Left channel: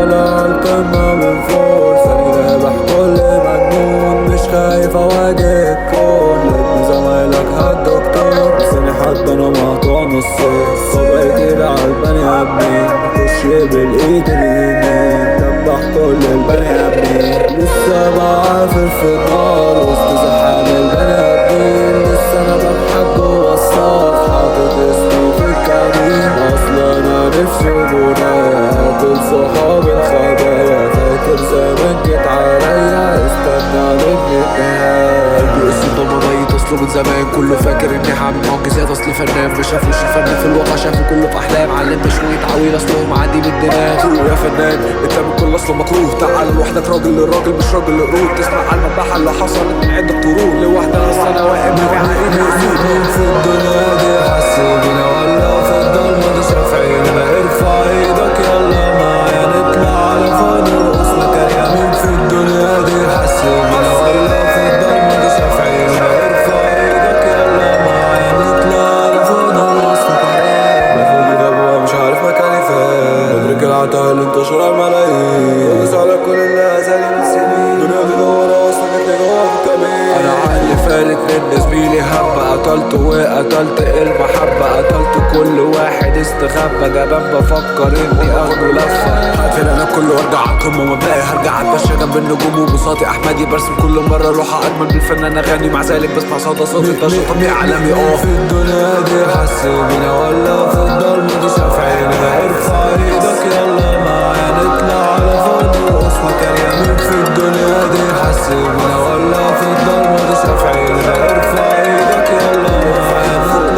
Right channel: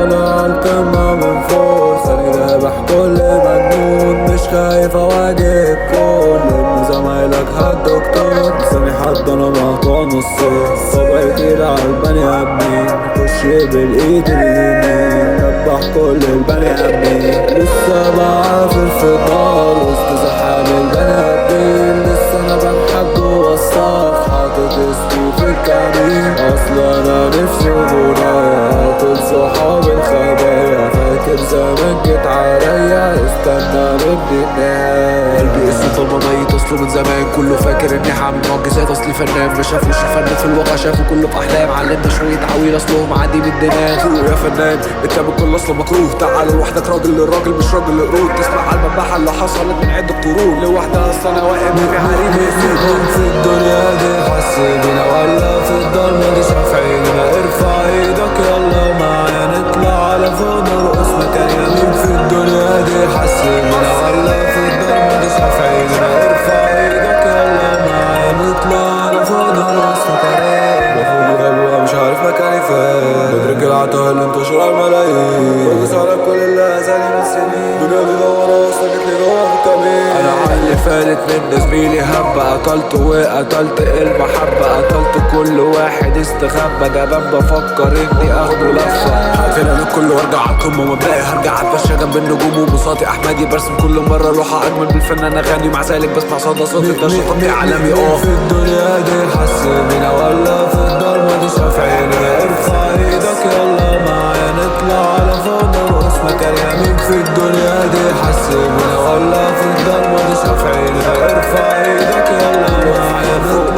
طالع عالقمة من فوق، ثاني ذابح كل مجنون، مش خايف اواجه الكون، لان زمايلك هالدكتور، لساني حد انا مقطوع نصين، طبعي تقيل عالبني ادمين، نخش بالايد اليمين، دبح كل البني ادمين، لسه بعافر في النار وسط زحام البني ادمين، لسه انا بنحك جوا الصف حاطط اسمي في الكمين، اصلا انا نفسي بنايا قاتل صحاب الخبايا، فاكر زمان جيت عليا استنى مني النهاية، قلبي اسمه ضلمة ميت اصله من زمان، كله فاكر اني هعمل معجزات اصلي فنان، ما شافوش الفن في الواقع شافوا كله في احلام، علمنا شوية عويل اصلهم عادي من الدماغ. فوق يا فنان انت من كل اصله مكروه، تعال لوحدك راجل للراجل مش راجل لقرود، تسمع على المذبحة اللي حصلت من عدة قرون، لوحدها اصلا انا واقف في عريض مين في الدنيا دي حس بينا ولا في الضلمة دي شاف عيننا؟ ارفع ايدك يلا معايا نطلع على فوق نرقص مكاننا. مين في الدنيا دي حس بينا ولا في الضلمة دي شاف عيننا؟ ارفع ايدك يلا معايا نطلع على فوق نرقص مكاننا. بفوق غابوها مش عارف مكاني فين، بدرك العتاه اللي انتشر على الملايين، بدوس على كل اللي اذاني من سنين، الدنيا دي دوارة وصلت لي جوا في الكمين، انا عقلي فالت من زميلي هبة، قتلته وقتلت المحبة، قتلت كل واحد استخبى، جبان بفكر اني اخده لفة، هقتل انا كله وارجع عالقمة ومبدئي هرجع اتمشى جنب النجوم وبساطي احمدي، برسم كل مرة لوحة اجمل بالفنان اغاني، مع ذلك بسمع صدى صوتي ده شططي عالمي. مين في الدنيا دي حس بينا ولا في الضلمة دي شاف عيننا؟ ارفع ايدك يلا معايا نطلع على فوق نرقص مكاننا. مين في الدنيا دي حس بينا ولا في الضلمة دي شاف عيننا؟ ارفع ايدك يلا معايا نطلع